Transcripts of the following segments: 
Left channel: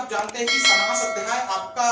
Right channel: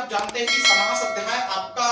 आप जानते हैं कि समास अध्याय आपका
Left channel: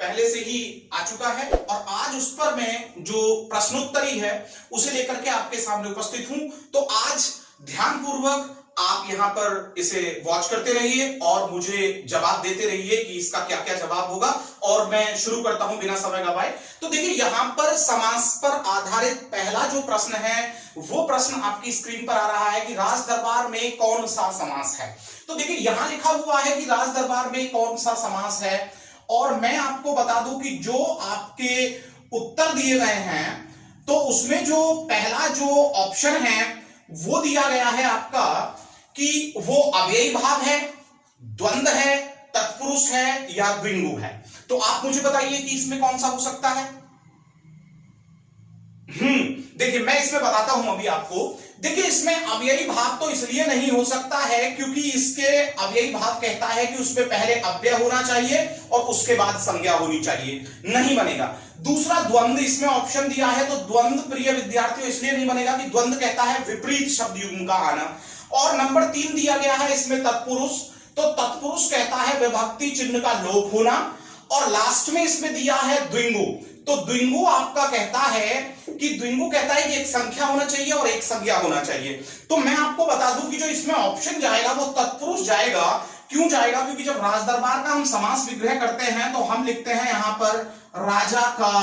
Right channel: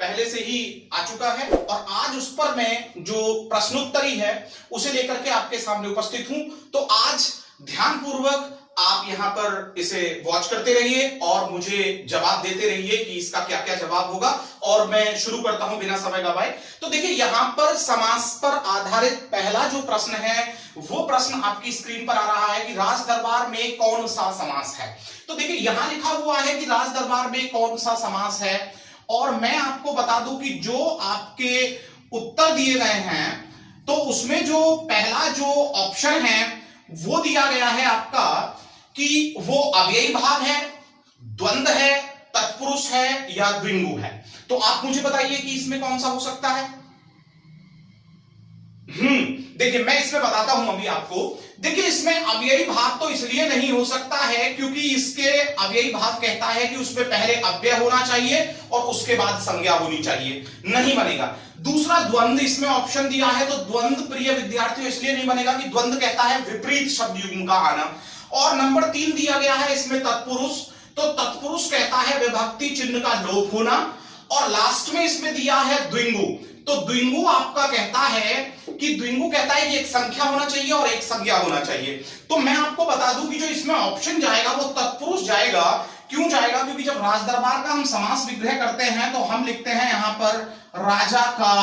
पहले से ही आ चुका है और आज उस पर मैं जो प्रश्नोत्तरी है उसे लेकर के आपके सामने उपस्थित हूं। तो आज ध्यानपूर्वक आप यहां पर इसे वॉच करते रहिए और मुझे जवाब देते रहिए कि इसका क्या क्या जवाब होगा। और मैं शुरू करता हूं बिना समय गवाए। तो देखिए यहां पर समास पर आधारित पहला जो प्रश्न है वो प्रश्न आपकी स्क्रीन पर आ रहा है कि राज दरबार में कौन सा समास है। तो देखिए यहां लिखा हुआ है कि राज दरबार में कौन सा समास है और मैं आपको बता दूं कि जो आपके उत्तर दिए गए हैं तो उसमें जो पहला जो ऑप्शन है वो दिया गया है आपका कि वो अव्ययी भाव है, द्वंद्व है, तत्पुरुष है या द्विगु है। तो आप मुझे बताइए कि इसमें कौन सा हो सकता है। देखिए मैं इसमें बताता हूं अभी आपको। देखिए इसमें अव्ययी भाव तो इसलिए नहीं हो सकता है क्योंकि इसके अव्ययी भाव कहता है कि उसमें पहले अव्यय होना चाहिए और उसके बाद संज्ञा होनी चाहिए, नहीं बनेगा। दूसरा द्वंद्व इसमें ऑप्शन दिया है तो द्वंद्व प्रिय विद्यार्थियों इसलिए नहीं बनेगा कि द्वंद्व कहता है विपरीत शब्द युग्म का आना। और नंबर 3 दिया गया है इसमें तत्पुरुष, तो तत्पुरुष कहता है विभक्ति चिन्ह का लोप होना। और लास्ट में इसमें दिया है द्विगु, तो द्विगु आपका कहता है कि द्विगु कहता है कि एक संख्या होना चाहिए और एक संज्ञा होना चाहिए। तो मैं आपको बता दूं कि जो इसमें ऑप्शन जाएगा वो तत्पुरुष जाएगा। क्यों जाएगा? क्योंकि जब राज दरबार का हम समास विग्रह करते हैं तो हम लिखते हैं यहां पर राजा का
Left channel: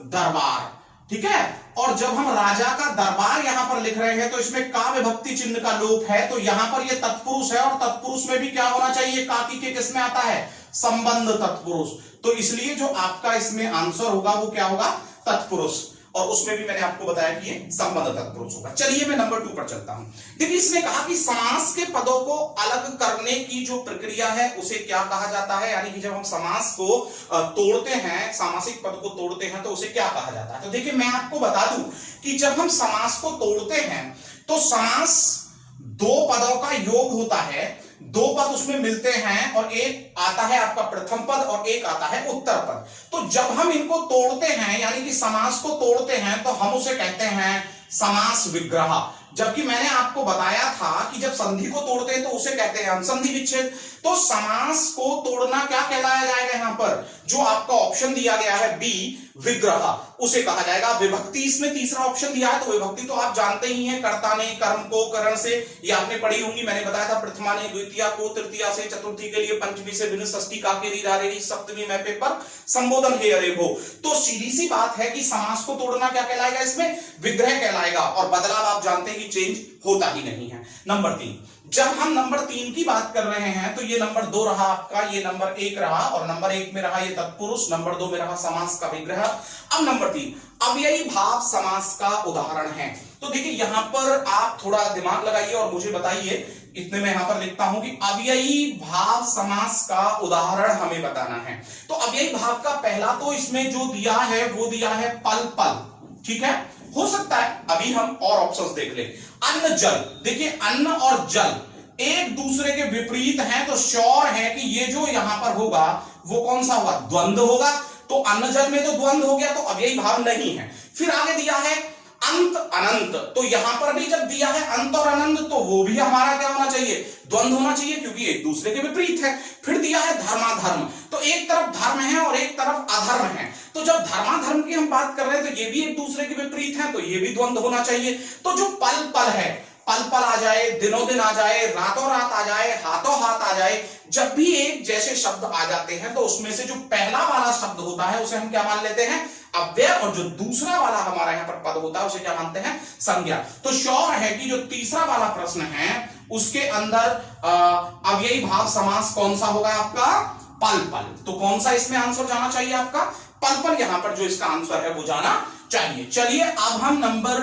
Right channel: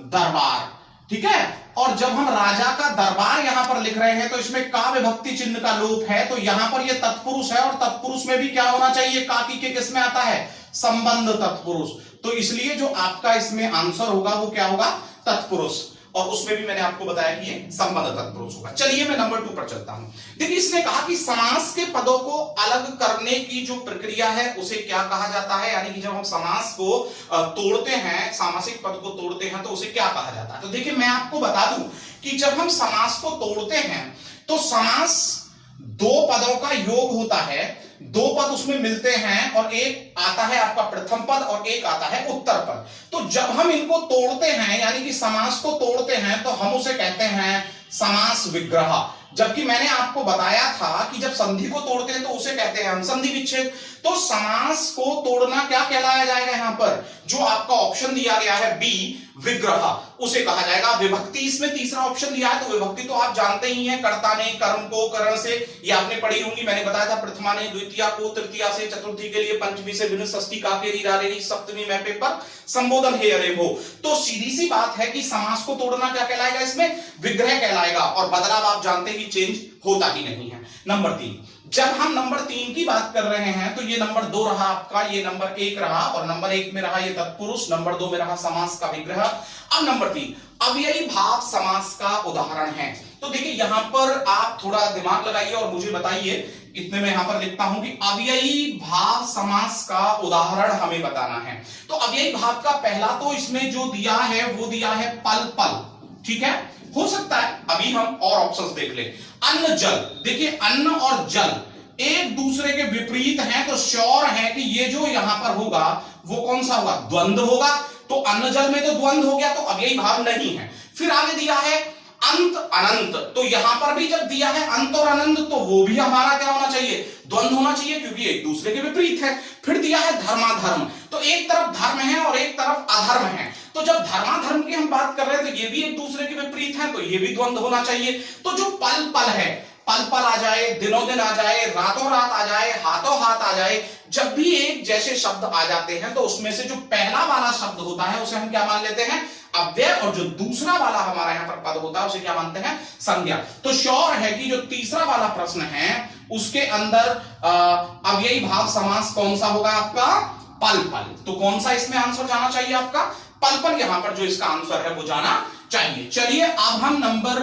दरबार, ठीक है। और जब हम राजा का दरबार यहां पर लिख रहे हैं तो इसमें का विभक्ति चिन्ह का लोप है, तो यहां पर ये तत्पुरुष है और तत्पुरुष में भी क्या होना चाहिए? का की के किस में आता है? संबंध तत्पुरुष। तो इसलिए जो आपका इसमें आंसर होगा वो क्या होगा? तत्पुरुष। और उसमें भी मैंने आपको बताया कि ये संबंध तत्पुरुष होगा। चलिए मैं नंबर 2 पर चलता हूं। देखिए इसने कहा कि समास के पदों को अलग करने की जो प्रक्रिया है उसे क्या कहा जाता है, यानी कि जब हम समास को तोड़ते हैं, सामासिक पद को तोड़ते हैं तो उसे क्या कहा जाता है। तो देखिए मैं आपको बता दूं कि जब हम समास को तोड़ते हैं तो समास दो पदों का योग होता है, दो पद उसमें मिलते हैं और एक आता है आपका प्रथम पद और एक आता है उत्तर पद। तो जब हम इनको तोड़ते हैं यानी कि समास को तोड़ते हैं तो हम उसे कहते हैं समास विग्रह। जबकि मैंने आपको बताया था कि जब संधि को तोड़ते हैं तो उसे कहते हैं हम संधि विच्छेद। तो समास को तोड़ना क्या कहलाया जाएगा? यहां पर जो आपका ऑप्शन दिया गया है बी विग्रह, उसे कहा जाएगा। विभक्ति इसमें तीसरा ऑप्शन दिया है तो विभक्ति तो आप जानते ही हैं, कर्ता ने कर्म को करण से, ये आपने पढ़ी होंगी। मैंने बताया था प्रथमा ने द्वितीया को, तृतीया से, चतुर्थी के लिए पंचमी से भिन्न, षष्ठी का के री, सप्तमी में पेपर संबोधन हे अरे हो। तो सीधी सी बात है कि समास को तोड़ना क्या कहलाएगा? इसमें विग्रह कहलाएगा और बदलाव आप जानते हैं कि चेंज होता ही नहीं है। नंबर 3, जब हम नंबर 3 की बात कर रहे हैं तो ये नंबर 2 रहा आपका, ये नंबर 1 रहा और नंबर 1 में रहा ये तत्पुरुष, नंबर 2 में रहा समास का विग्रह। अब नंबर 3 अव्ययी भाव समास का उदाहरण है। तो देखिए यहां पर आप थोड़ा दिमाग लगाइए और मुझे बताइए, इतने में यहां पर लिखता हूं कि अव्ययी भाव समास का उदाहरण हमें बताना है। तो अव्ययी भाव का पहला तो इसमें जो दिया है वो दिया है पल पल, ठीक है। हो सकता है अभी हम और ऑप्शंस देख ले। अन्न जल, देखिए अन्न और जल एक दूसरे के विपरीत हैं तो श्योर है कि ये जो यहां पर होगा वो कौन सा होगा? द्वंद्व होगा। तो अन्न जल में तो द्वंद्व हो गया तो अव्ययी भाव नहीं है। फिर आगे दिया है अंत अनंत, तो यहां पर भी जब दिया है अंत और अनंत तो वो भी हमारा क्या होना चाहिए? द्वंद्व होना चाहिए क्योंकि एक दूसरे के विपरीत है। फिर दिया है धर्माधर्म, तो एक तरफ धर्म है और एक तरफ अधर्म है। तो जब धर्माधर्म की हम बात कर रहे हैं तो ये भी एक दूसरे के विपरीत है तो ये भी द्वंद्व होना चाहिए। तो जो पल पल है, पल पल आ जाए, दिनों दिन आ जाए, रातों रात आ जाए, हाथों हाथ आ जाए, जब भी एक जैसे शब्द आ जाते हैं तो उसमें से जो पहला वाला शब्द होता है उसे हम क्या मान लेते हैं? अव्यय, और जो दूसरा वाला हमारा यहां पर पद होता है उसे क्या मानते हैं? संज्ञा। तो श्योर है कि जो तीसरा वाला प्रश्न है उसके अंदर अव्ययी भाव समास कौन सा होगा आपका? पल पल। तो कौन सा इसमें आंसर जाना चाहिए आपका? पल पल। यहां पर जो इसका आंसर है वो जाना चाहिए। चलिए अब हम नंबर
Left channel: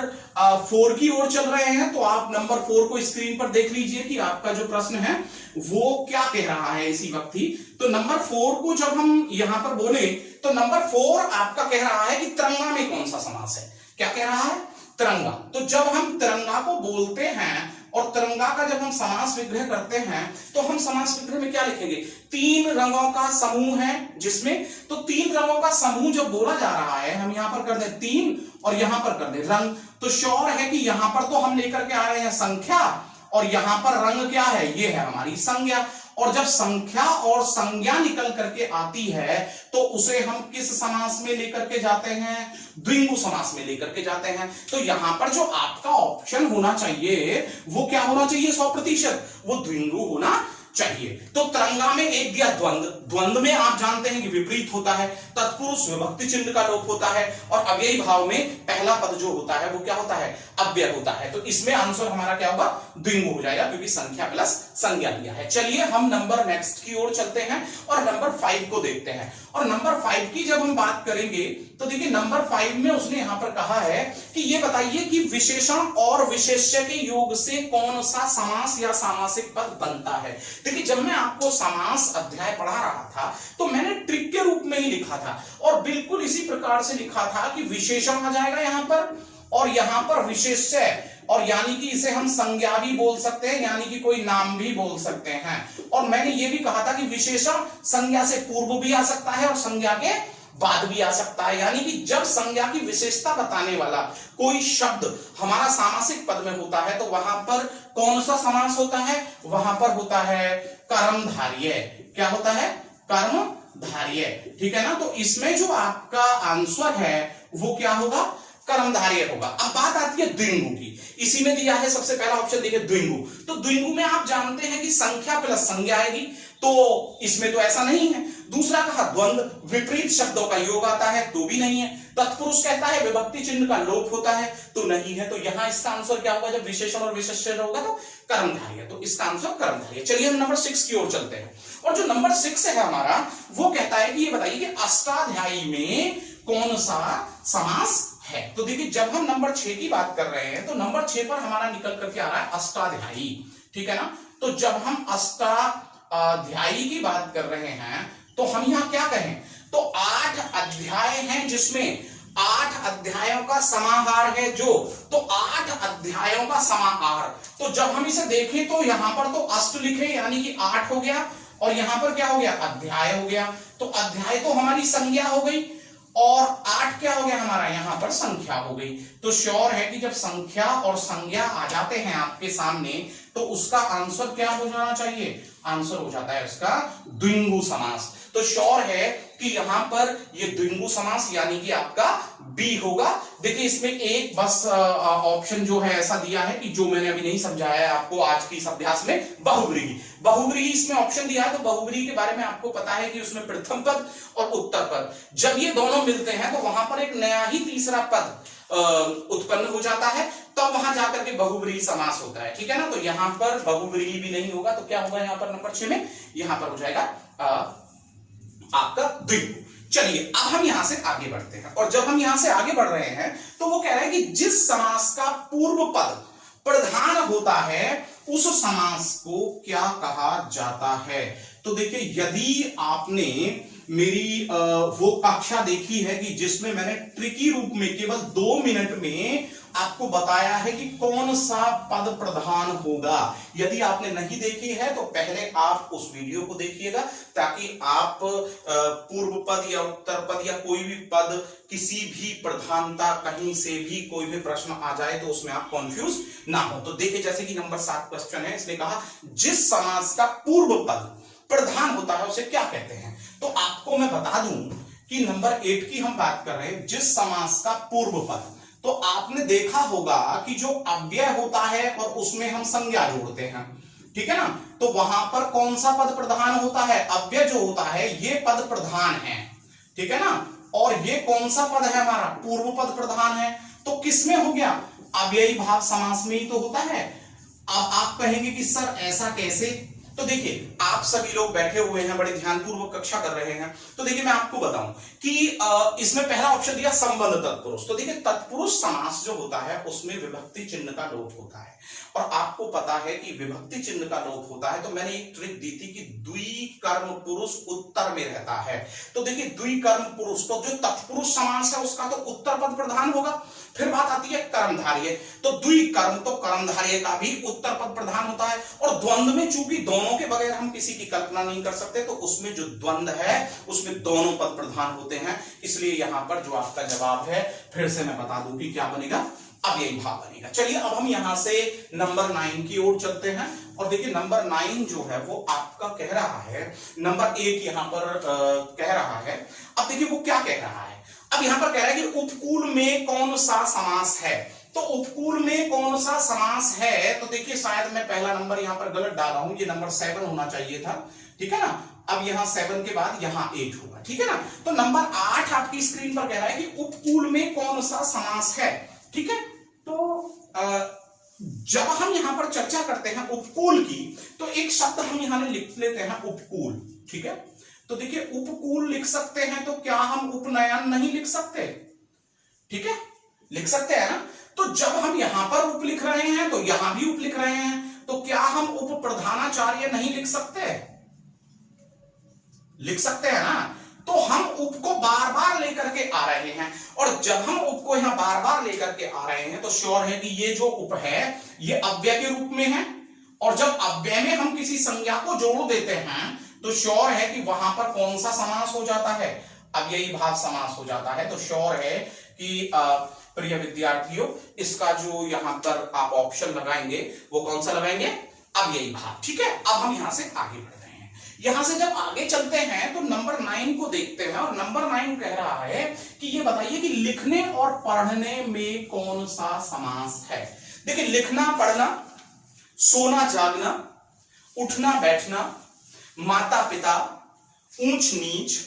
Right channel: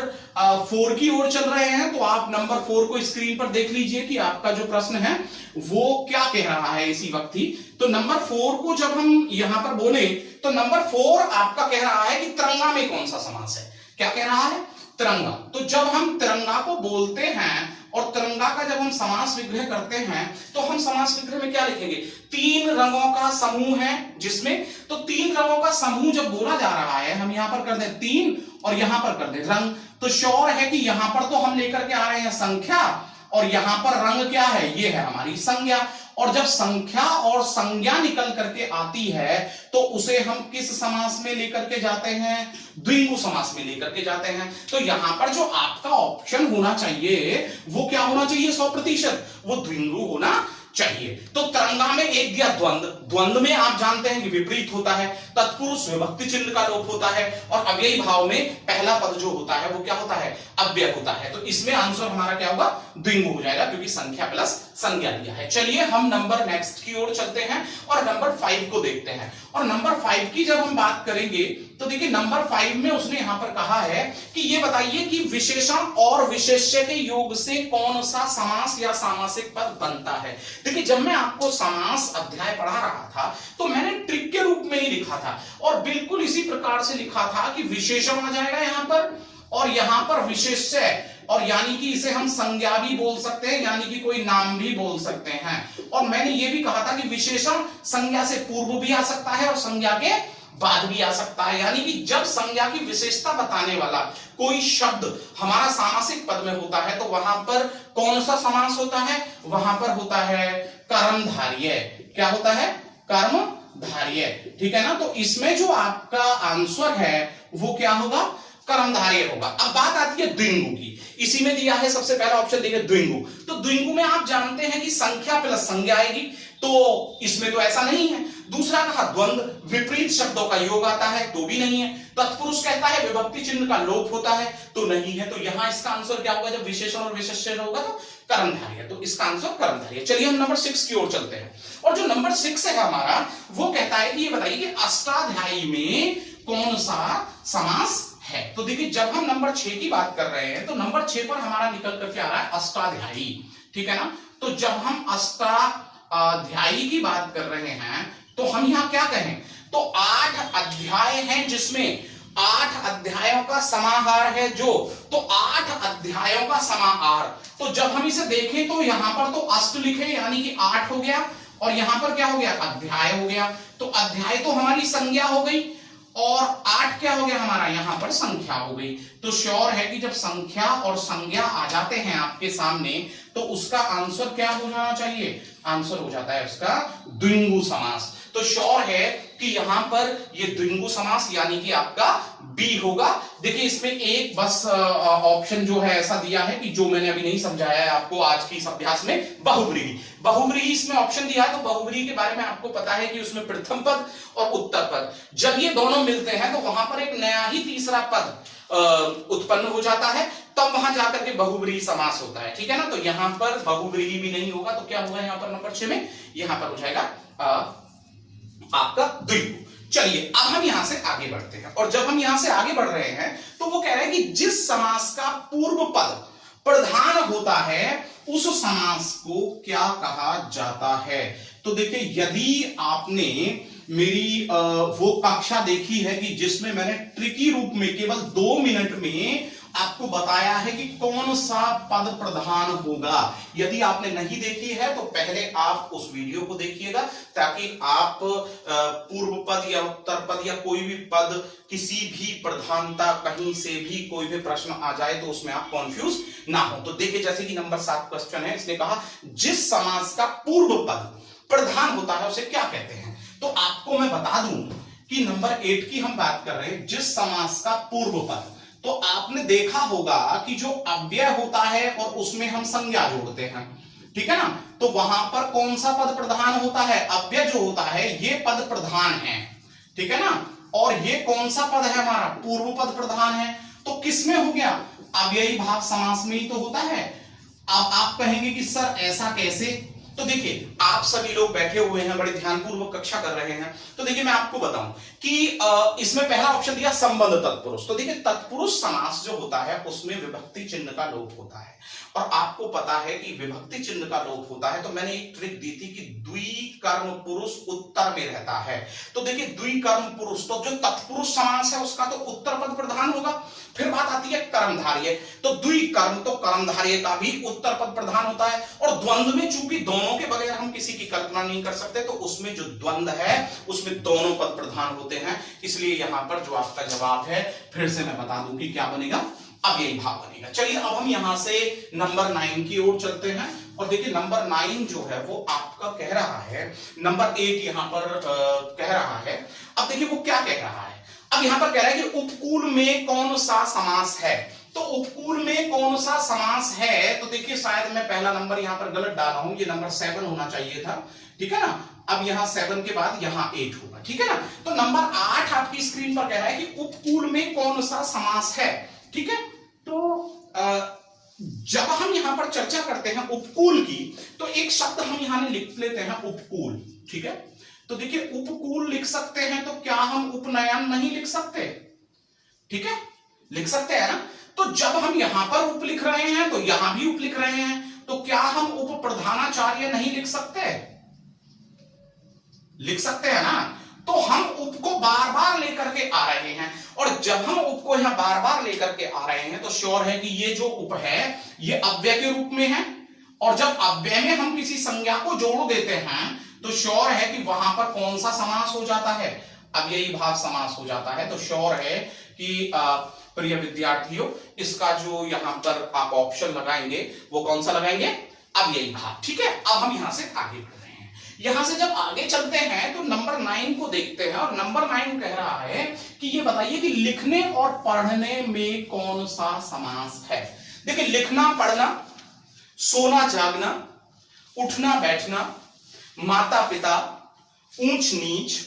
4 की ओर चल रहे हैं। तो आप नंबर 4 को स्क्रीन पर देख लीजिए कि आपका जो प्रश्न है वो क्या कह रहा है इसी वक्त ही। तो नंबर 4 को जब हम यहां पर बोले तो नंबर 4 आपका कह रहा है कि तिरंगा में कौन सा समास है? क्या कह रहा है? तिरंगा। तो जब हम तिरंगा को बोलते हैं और तिरंगा का जब हम समास विग्रह करते हैं तो हम समास विग्रह में क्या लिखेंगे? 3 रंगों का समूह है जिसमें, तो 3 रंगों का समूह जब बोला जा रहा है हम यहां पर कर दे 3 और यहां पर कर दे रंग, तो श्योर है कि यहां पर तो हम लेकर के आ रहे हैं संख्या और यहां पर रंग क्या है? ये है हमारी संज्ञा। और जब संख्या और संज्ञा निकल करके आती है तो उसे हम किस समास में लेकर के जाते हैं, द्विगु समास में लेकर के जाते हैं। तो यहां पर जो आपका ऑप्शन होना चाहिए वो क्या होना चाहिए, 100%, वो द्विगु होना चाहिए। तो तरंगा में एक दिया द्वंद, द्वंद में आप जानते हैं कि विपरीत होता है, तत्पुरुष विभक्ति चिन्ह का लोप होता है, और अव्ययी भाव में पहला पद जो होता है वो क्या होता है, अव्यय होता है। तो इसमें आंसर हमारा क्या होगा, द्विगु हो जाएगा, क्योंकि संख्या प्लस संज्ञा दिया है। चलिए हम नंबर नेक्स्ट की ओर चलते हैं और नंबर 5 को देखते हैं। और नंबर 5 की जब हम बात करेंगे तो देखिए नंबर 5 में उसने यहां पर कहा है कि ये बताइए कि विशेषण और विशेष्य के योग से कौन सा समास या सामासिक पद बनता है। देखिए जब मैं आपको समास अध्याय पढ़ा रहा था तो मैंने ट्रिक के रूप में ही लिखा था, और बिल्कुल इसी प्रकार से लिखा था कि विशेषण आ जाएगा यहां पर, और यहां पर विशेष्य, और यानी कि इसे हम संज्ञा भी बोल सकते हैं, यानी कि कोई नाम भी बोल सकते हैं। और मैंने ये भी कहा था कि विशेषण संज्ञा से पूर्व भी आ सकता है और संज्ञा के बाद भी आ सकता है, यानी कि जब संज्ञा की विशेषता बताने वाला कोई शब्द हमारा सामासिक पद में होता है तो वहां पर कौन सा समास होता है, वहां पर होता है कर्मधारय। क्या होता है, कर्मधारय, ठीक है ना। तो इसमें जो आपका आंसर है वो क्या होगा, कर्मधारय होगा। अब बात आती है द्विगु की, इसी में दिया है सबसे पहला ऑप्शन देखिए द्विगु। तो द्विगु में आप जानते हैं कि संख्या प्लस संज्ञा आएगी, तो इसमें तो ऐसा नहीं है। दूसरा कहा द्वंद, विपरीत शब्दों का योग आता है, तो भी नहीं है। तत्पुरुष कहता है विभक्ति चिन्ह का लोप होता है, तो नहीं है। तो यहां इसका आंसर क्या होगा, जब विशेषण और विशेष्य होगा तो कर्मधारय, तो इसका आंसर कर्मधारय। चलिए हम नंबर 6 की ओर चलते हैं। और जो नंबर 6 है हमारा, वो कहता है कि ये बताइए कि अष्टाध्यायी में कौन सा समास है। तो देखिए जब हम नंबर 6 की बात कर रहे हैं तो नंबर 6 पर हमारा निकल करके आ रहा है अष्टाध्यायी, ठीक है ना। तो जब हम अष्टाध्यायी की बात कर रहे हैं तो हम यहां क्या कहें, तो 8 अध्याय हैं जिसमें 8 अध्यायों का समाहार है जो, तो 8 अध्यायों का समाहार। तो जब हम इसे देखें तो यहां पर तो अष्ट लिखे यानी कि 8 हो गया, और यहां पर क्या हो गया, अध्याय हो गया। तो अध्याय तो हमारी संज्ञा हो गई, और 8 क्या हो गया हमारा, यहां पर संख्या हो गई। तो श्योर है कि जब संख्या और संज्ञा आ जाते हैं आपके सामने तो उसका आंसर क्या हो जाना चाहिए, आंसर हो जाता है उसका द्विगु समास। तो श्योर है कि यहां पर ये द्विगु समास यानी कि आपका बी होगा। देखिए इसमें एक बस ऑप्शन जो है ऐसा दिया है कि जो मैंने अभी नहीं समझाया है आपको आज की इस अभ्यास में, बहुव्रीहि। बहुव्रीहि इसमें ऑप्शन दिया है, तो बहुव्रीहि के बारे में आपको पता है कि उसमें प्रथम पद और उत्तर पद जब ये दोनों मिलते हैं तो वहां पर एक नया ही तीसरा पद उत्पन्न हो जाता है, तब वहां जाकर के बहुव्रीहि समास होता है, ठीक है ना। तो यहां पर बहुव्रीहि भी नहीं होगा, तो क्या होगा यहां पर नंबर 6 में, यहां पर हो जाएगा आपका द्विगु। चलिए अब हम यहां से आगे बढ़ते हैं, और जब हम यहां से आगे बढ़ रहे हैं तो वो कह रहे हैं कि जिस समास का पूर्व पद प्रधान होता है उस समास को क्या कहा जाता है। तो देखिए यदि आपने मेरी वो कक्षा देखी है कि जिसमें मैंने ट्रिकी रूप में केवल 2 मिनट में आपको बताया है कि कौन सा पद प्रधान होगा, यदि आपने नहीं देखी है तो पहले आप उस वीडियो को देखिएगा ताकि आप पूर्व पद या उत्तर पद या कोई भी पद किसी भी प्रधानता कहीं से भी कोई भी प्रश्न आ जाए तो उसमें आप कंफ्यूज ना हो। तो देखिए जैसे कि नंबर 7 क्वेश्चन है, इसने कहा जिस समास का पूर्व पद प्रधान होता है उसे क्या कहते हैं। तो आपको मैं बता दूं कि नंबर 8 की हम बात कर रहे हैं, जिस समास का पूर्व पद, तो आपने देखा होगा कि जो अव्यय होता है और उसमें हम संज्ञा जोड़ते हैं, ठीक है ना। तो वहां पर कौन सा पद प्रधान होता है, अव्यय जो होता है ये पद प्रधान है, ठीक है ना। और ये कौन सा पद है हमारा, पूर्व पद प्रधान है। तो किसमें हो गया, अव्ययी भाव समास में ही तो होता है। अब आप कहेंगे कि सर ऐसा कैसे, तो देखिए आप सभी लोग बैठे हुए हैं, बड़े ध्यानपूर्वक कक्षा कर रहे हैं। तो देखिए मैं आपको बताऊं कि इसमें पहला ऑप्शन दिया संबंध तत्पुरुष। तो देखिए तत्पुरुष समास जो होता है उसमें विभक्ति चिन्ह का लोप होता है, और आपको पता है कि विभक्ति चिन्ह का लोप होता है। तो मैंने एक ट्रिक दी थी कि द्विकर्म पुरुष उत्तर में रहता है। तो देखिए द्विकर्म पुरुष, तो जो तत्पुरुष समास है उसका तो उत्तर पद प्रधान होगा। फिर बात आती है कर्मधारय, तो द्विकर्म तो कर्मधारय का भी उत्तर पद प्रधान होता है। और द्वंद्व में चूंकि दोनों के बगैर हम किसी की कल्पना नहीं कर सकते, तो उसमें जो द्वंद्व है उसमें दोनों पद प्रधान होते हैं। इसलिए यहां पर जो आपका जवाब है, फिर से मैं बता दूं कि क्या बनेगा, अव्ययी भाव बनेगा। चलिए अब हम यहां से नंबर 9 की ओर चलते हैं और देखिए नंबर 9 जो है वो आपका कह रहा है, नंबर 8 यहां पर कह रहा है। अब देखिए वो क्या कह रहा है, अब यहां पर कह रहा है कि उपकूल में कौन सा समास है। तो उपकूल में कौन सा समास है, तो देखिए शायद मैं पहला नंबर यहां पर गलत डाला हूं, ये नंबर 7 होना चाहिए था, ठीक है ना। अब यहां 7 के बाद यहां 8 होगा, ठीक है ना। तो नंबर 8 आपकी स्क्रीन पर कह रहा है कि उपकूल में कौन सा समास है, ठीक है। तो जब हम यहां पर चर्चा करते हैं उपकूल की, तो एक शब्द हम यहां लिख लेते हैं उपकूल, ठीक है। तो देखिए उपकूल लिख सकते हैं, तो क्या हम उपनयन नहीं लिख सकते, ठीक है, लिख सकते हैं ना। तो जब हम यहां पर उप लिख रहे हैं तो यहां भी उप लिख रहे हैं, तो क्या हम उप प्रधानाचार्य नहीं लिख सकते, लिख सकते हैं ना। तो हम उप को बार बार लेकर के आ रहे हैं, और जब हम उप को यहां बार बार लेकर के आ रहे हैं तो श्योर है कि ये जो उप है ये अव्यय के रूप में है, और जब अव्यय में हम किसी संज्ञा को जोड़ देते हैं तो श्योर है कि वहां पर कौन सा समास हो जाता है, अव्ययी भाव समास हो जाता है। तो श्योर है कि प्रिय विद्यार्थियों इसका जो यहां पर आप ऑप्शन लगाएंगे वो कौन सा लगाएंगे, अव्ययी भाव, ठीक है। अब हम यहां से आगे बढ़ रहे हैं, यहां से जब आगे चलते हैं तो नंबर 9 को देखते हैं, और नंबर 9 कह रहा है कि ये बताइए कि लिखने और पढ़ने में कौन सा समास है। देखिए लिखना पढ़ना, सोना जागना, उठना बैठना, माता पिता, ऊंच नीच,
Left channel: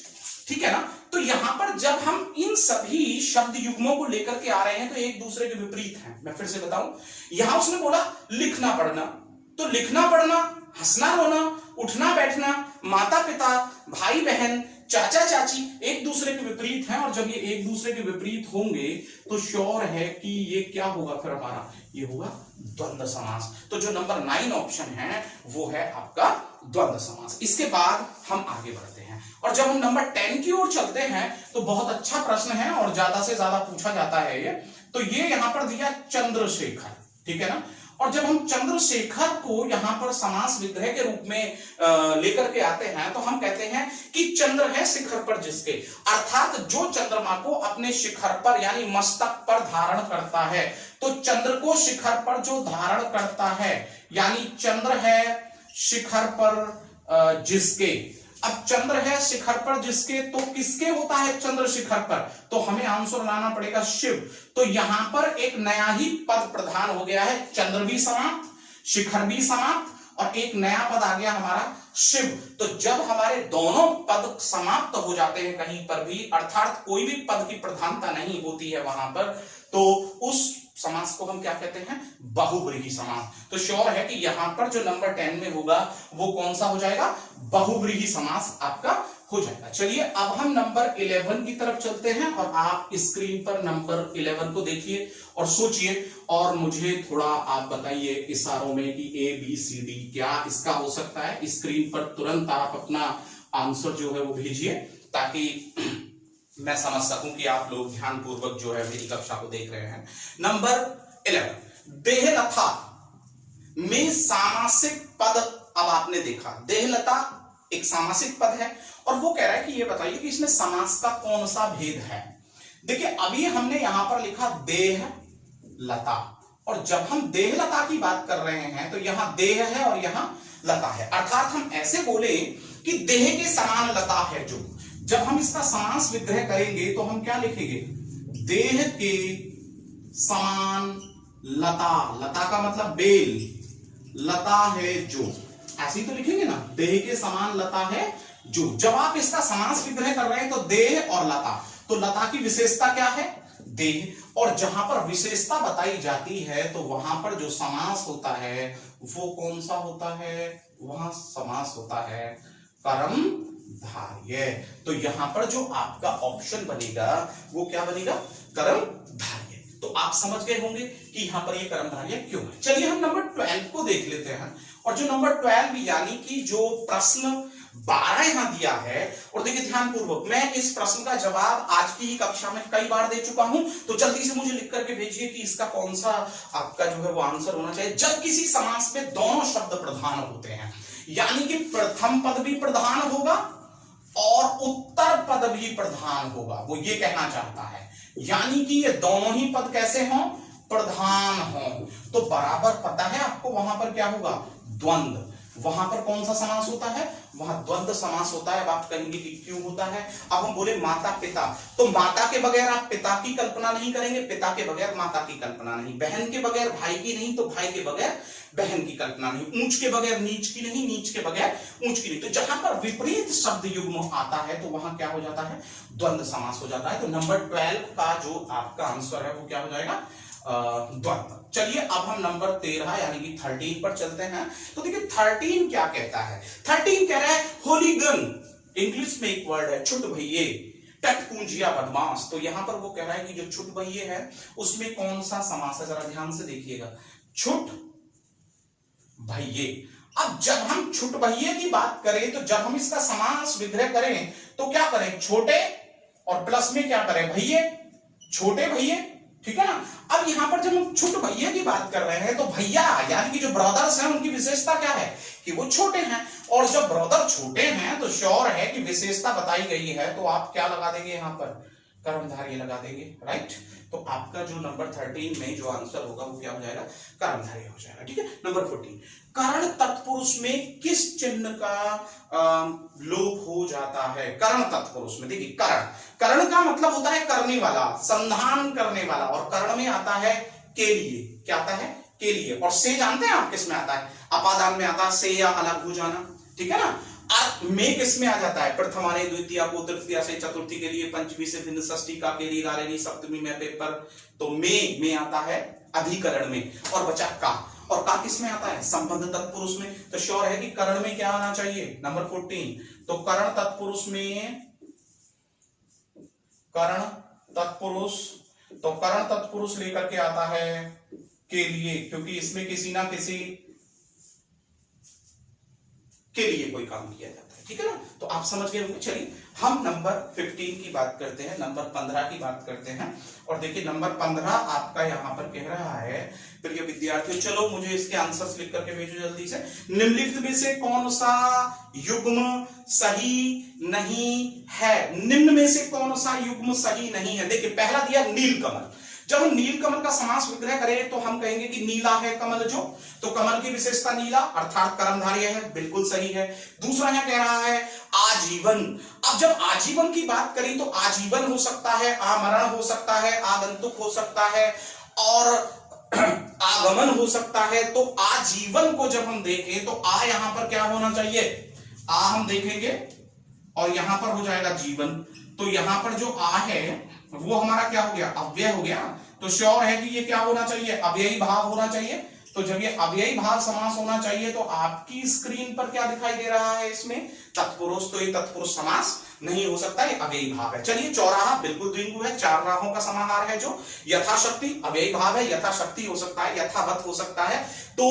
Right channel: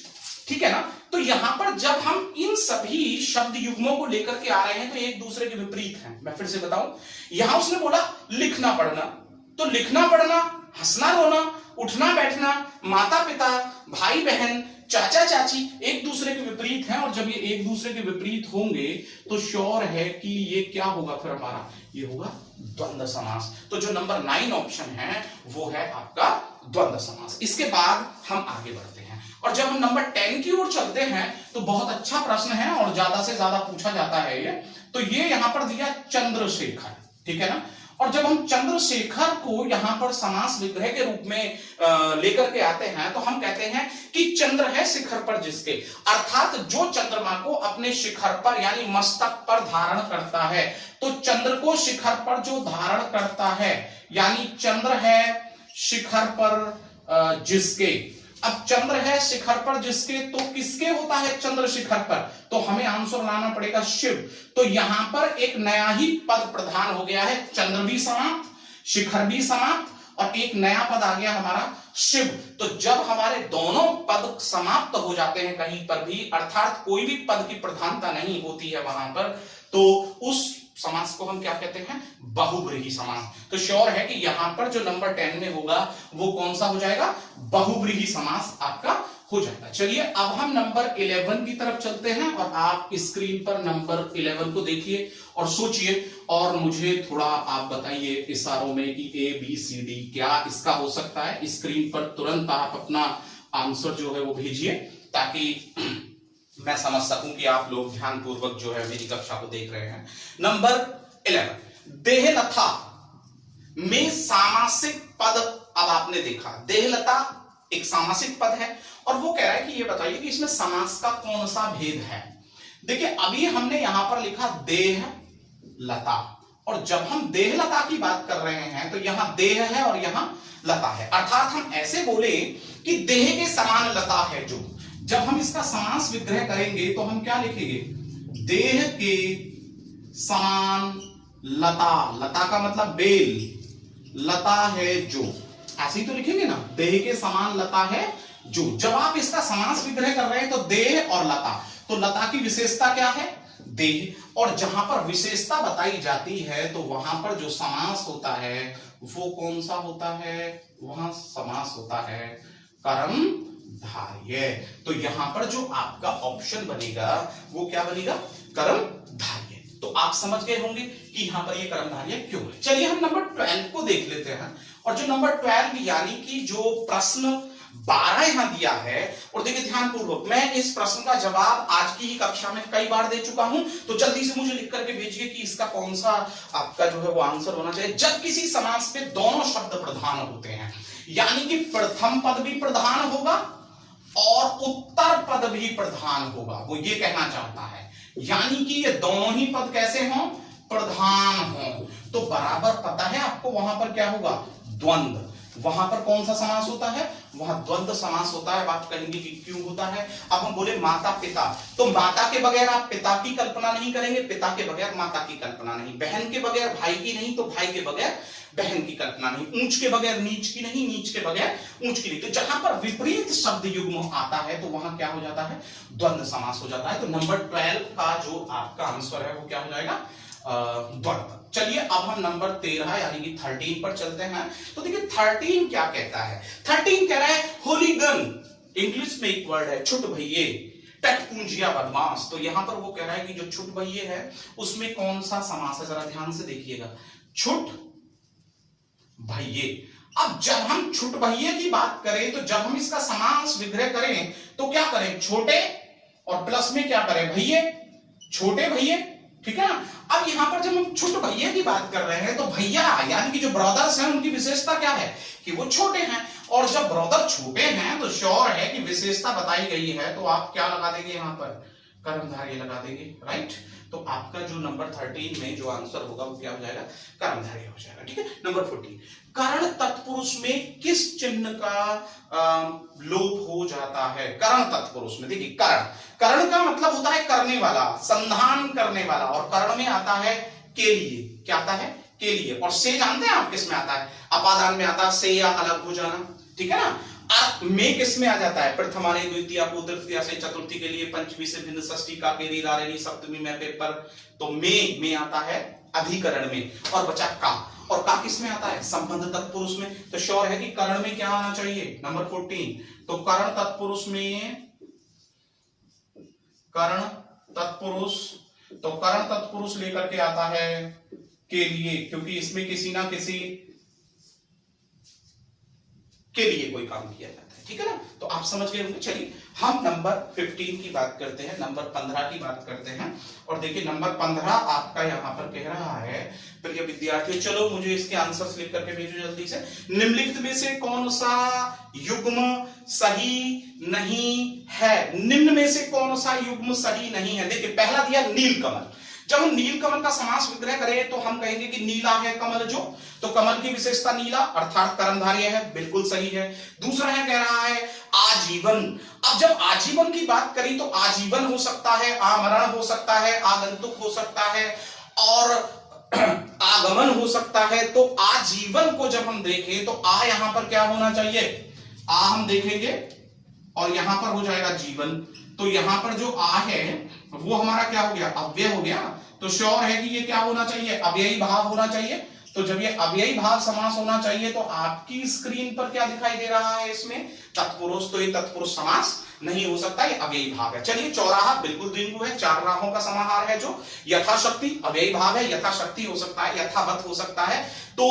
ठीक है ना। तो यहां पर जब हम इन सभी शब्द युग्मों को लेकर के आ रहे हैं तो एक दूसरे के विपरीत हैं। मैं फिर से बताऊं, यहां उसने बोला लिखना पढ़ना, तो लिखना पढ़ना, हंसना रोना, उठना बैठना, माता पिता, भाई बहन, चाचा चाची एक दूसरे के विपरीत हैं, और जब ये एक दूसरे के विपरीत होंगे तो श्योर है कि ये क्या होगा, फिर हमारा ये होगा द्वंद्व समास। तो जो नंबर 9 ऑप्शन है वो है आपका द्वंद्व समास। इसके बाद हम आगे बढ़ते हैं, और जब हम नंबर 10 की ओर चलते हैं तो बहुत अच्छा प्रश्न है और ज्यादा से ज्यादा पूछा जाता है ये। तो ये यहां पर दिया चंद्रशेखर, ठीक है ना। और जब हम चंद्रशेखर को यहां पर समास विग्रह के रूप में लेकर के आते हैं तो हम कहते हैं कि चंद्र है शिखर पर जिसके, अर्थात जो चंद्रमा को अपने शिखर पर यानी मस्तक पर धारण करता है। तो चंद्र को शिखर पर जो धारण करता है यानी चंद्र है शिखर पर जिसके। अब चंद्र है शिखर पर जिसके, तो किसके होता है चंद्र शिखर पर, तो हमें आंसर लाना पड़ेगा शिव। तो यहां पर एक नया ही पद प्रधान हो गया है, चंद्र भी समाप्त, शिखर भी समाप्त, और एक नया पद आ गया हमारा शिव। तो जब हमारे दोनों पद समाप्त हो जाते हैं कहीं पर भी, अर्थात कोई भी पद की प्रधानता नहीं होती है वहां पर, तो उस समास को हम क्या कहते हैं, बहुव्रीहि समास। तो श्योर है कि यहां पर जो नंबर 10 में होगा वो कौन सा हो जाएगा, बहुव्रीहि समास आपका हो जाएगा। चलिए अब हम नंबर 11 की तरफ चलते हैं, और आप स्क्रीन पर नंबर 11 को देखिए और सोचिए, और मुझे थोड़ा आप बताइए इशारों में कि ABCD क्या इसका हो सकता है। स्क्रीन पर तुरंत आप अपना आंसर जो है वो भेजिए ताकि मैं समझ सकूं कि आप लोग ध्यान पूर्वक जो है मेरी कक्षा को देख रहे हैं। नंबर 11, देहलता में सामासिक पद। अब आपने देखा देहलता एक सामासिक पद है, और वो कह रहा है कि ये बताइए कि इसमें समास का कौन सा भेद है। देखिए अभी हमने यहां पर लिखा देह लता, और जब हम देहलता की बात कर रहे हैं तो यहां देह है और यहां लता है, अर्थात हम ऐसे बोले कि देह के समान लता है जो। जब हम इसका समास विग्रह करेंगे तो हम क्या लिखेंगे, देह के समान लता, लता का मतलब बेल, लता है जो, ऐसे ही तो लिखेंगे ना, देह के समान लता है जो। जब आप इसका समास विग्रह कर रहे हैं तो देह और लता, तो लता की विशेषता क्या है, देह, और जहां पर विशेषता बताई जाती है तो वहां पर जो समास होता है वो कौन सा होता है, वहां समास होता है कर्मधारय। तो यहां पर जो आपका ऑप्शन बनेगा वो क्या बनेगा, कर्मधारय। तो आप समझ गए होंगे कि यहां पर ये कर्मधारय क्यों है। चलिए हम नंबर 12 को देख लेते हैं, और जो नंबर 12 यानी कि जो प्रश्न 12 यहां दिया है, और देखिए ध्यान पूर्वक, मैं इस प्रश्न का जवाब आज की ही कक्षा में कई बार दे चुका हूं, तो जल्दी से मुझे लिख करके भेजिए कि इसका कौन सा आपका जो है वो आंसर होना चाहिए। जब किसी समास में दोनों शब्द प्रधान होते हैं, यानी कि प्रथम पद भी प्रधान होगा और उत्तर पद भी प्रधान होगा, वो ये कहना चाहता है, यानी कि ये दोनों ही पद कैसे हों, प्रधान हो। तो बराबर पता है आपको वहां पर क्या होगा, द्वंद्व। वहां पर कौन सा समास होता है, वहां द्वंद्व समास होता है। आप कहेंगे कि क्यों होता है। अब हम बोले माता पिता, तो माता के बगैर आप पिता की कल्पना नहीं करेंगे, पिता के बगैर माता की कल्पना नहीं, बहन के बगैर भाई की नहीं, तो भाई के बगैर बहन की कल्पना नहीं, ऊंच के बगैर नीच की नहीं, नीच के बगैर ऊंच की नहीं। तो जहां पर विपरीत शब्द युग्म आता है तो वहां क्या हो जाता है, द्वंद्व समास हो जाता है। तो नंबर 12 का जो आपका आंसर है वो क्या हो जाएगा, द्वंद्व। चलिए अब हम नंबर 13 यानी कि 13 पर चलते हैं। तो देखिए 13 क्या कहता है, 13 कह रहा है होलीगन, इंग्लिश में एक वर्ड है छुट भइये, टटपूंजिया बदमाश। तो यहां पर वो कह रहा है कि जो छुट भइये है उसमें कौन सा समास है, जरा ध्यान से देखिएगा, छुट भइये। अब जब हम छुट भइये की बात करें तो जब हम इसका समास विग्रह करें तो क्या करें, छोटे और प्लस में क्या करें, भइये, छोटे भइये, ठीक है ना। अब यहां पर जब हम छुट भैया की बात कर रहे हैं तो भैया यानी कि जो ब्रदर्स हैं उनकी विशेषता क्या है कि वो छोटे हैं, और जब ब्रदर छोटे हैं तो श्योर है कि विशेषता बताई गई है, तो आप क्या लगा देंगे यहां पर, कर्मधारय लगा देंगे, राइट। तो आपका जो नंबर 13 में जो आंसर होगा वो क्या हो जाएगा, कर्मधारय हो जाएगा, ठीक है। नंबर 14, कर्ण तत्पुरुष में किस चिन्ह का लोप हो जाता है, कर्ण तत्पुरुष में। देखिए कर्ण का मतलब होता है करने वाला, संधान करने वाला, और कर्ण में आता है के लिए, क्या आता है, के लिए। और से जानते हैं आप किस में आता है, अपादान में आता है, से या अलग हो जाना, ठीक है ना। में किस में आ जाता है, प्रथमाने द्वितीय को तृतीया से चतुर्थी के लिए, पंचमी से भिन्न, षष्ठी का के लिए, सप्तमी में पेपर। तो में आता है अधिकरण में, और बचा का, और का किस में आता है, संबंध तत्पुरुष में। तो श्योर है कि कर्ण में क्या आना चाहिए, नंबर 14। तो कर्ण तत्पुरुष में, कर्ण तत्पुरुष, तो कर्ण तत्पुरुष लेकर के आता है के लिए, क्योंकि इसमें किसी ना किसी के लिए कोई काम किया जाता है, ठीक है ना। तो आप समझ गए होंगे। चलिए हम नंबर 15 की बात करते हैं, नंबर 15 की बात करते हैं। और देखिए नंबर 15 आपका यहां पर कह रहा है, प्रिय विद्यार्थियों चलो मुझे इसके आंसर्स लिख करके भेजो जल्दी से। निम्नलिखित में से कौन सा युग्म सही नहीं है, निम्न में से कौन सा युग्म सही नहीं है। देखिए पहला दिया नीलकमल, जब हम नीलकमल का समास विग्रह करें तो हम कहेंगे कि नीला है कमल जो, तो कमल की विशेषता नीला अर्थात कर्मधारय है, बिल्कुल सही है। दूसरा है कह रहा है आजीवन। अब जब आजीवन की बात करें तो आजीवन हो सकता है, आमरण हो सकता है, आगंतुक हो सकता है, और आगमन हो सकता है। तो आजीवन को जब हम देखें तो आ यहां पर क्या होना चाहिए, आ हम देखेंगे और यहां पर हो जाएगा जीवन। तो यहां पर जो आ है वो हमारा क्या हो गया, अव्यय हो गया। तो श्योर है कि ये क्या होना चाहिए, अव्ययी भाव होना चाहिए। तो जब ये अव्ययी भाव समास होना चाहिए तो आपकी स्क्रीन पर क्या दिखाई दे रहा है इसमें, तत्पुरुष। तो ये तत्पुरुष समास नहीं हो सकता, ये अव्ययी भाव है। चलिए चौराहा बिल्कुल द्विगु है, चार राहों का समाहार है जो यथाशक्ति अव्ययी भाव है, यथाशक्ति हो सकता है, यथावत हो सकता है। तो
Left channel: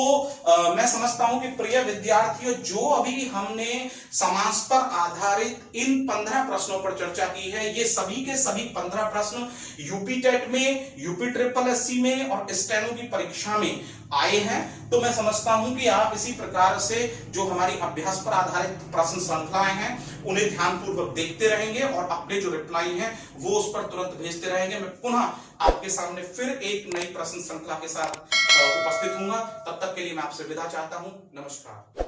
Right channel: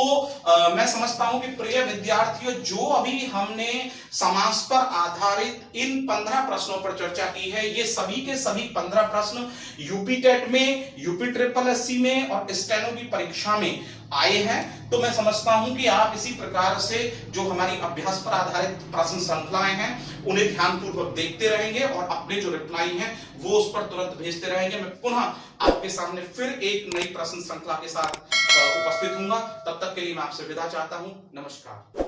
मैं समझता हूं कि प्रिय विद्यार्थियों जो अभी हमने समास पर आधारित इन 15 प्रश्नों पर चर्चा की है, ये सभी के सभी 15 प्रश्न यूपी टेट में, यूपी ट्रिपल एससी में और स्टेनो की परीक्षा में आए हैं। तो मैं समझता हूं कि आप इसी प्रकार से जो हमारी अभ्यास पर आधारित प्रश्न श्रृंखलाएं हैं उन्हें ध्यानपूर्वक देखते रहेंगे और अपने जो रिप्लाई हैं वो उस पर तुरंत भेजते रहेंगे। मैं पुनः आपके सामने फिर एक नई प्रश्न श्रृंखला के साथ उपस्थित हूंगा। तब तक के लिए मैं आपसे विदा चाहता हूं। नमस्कार।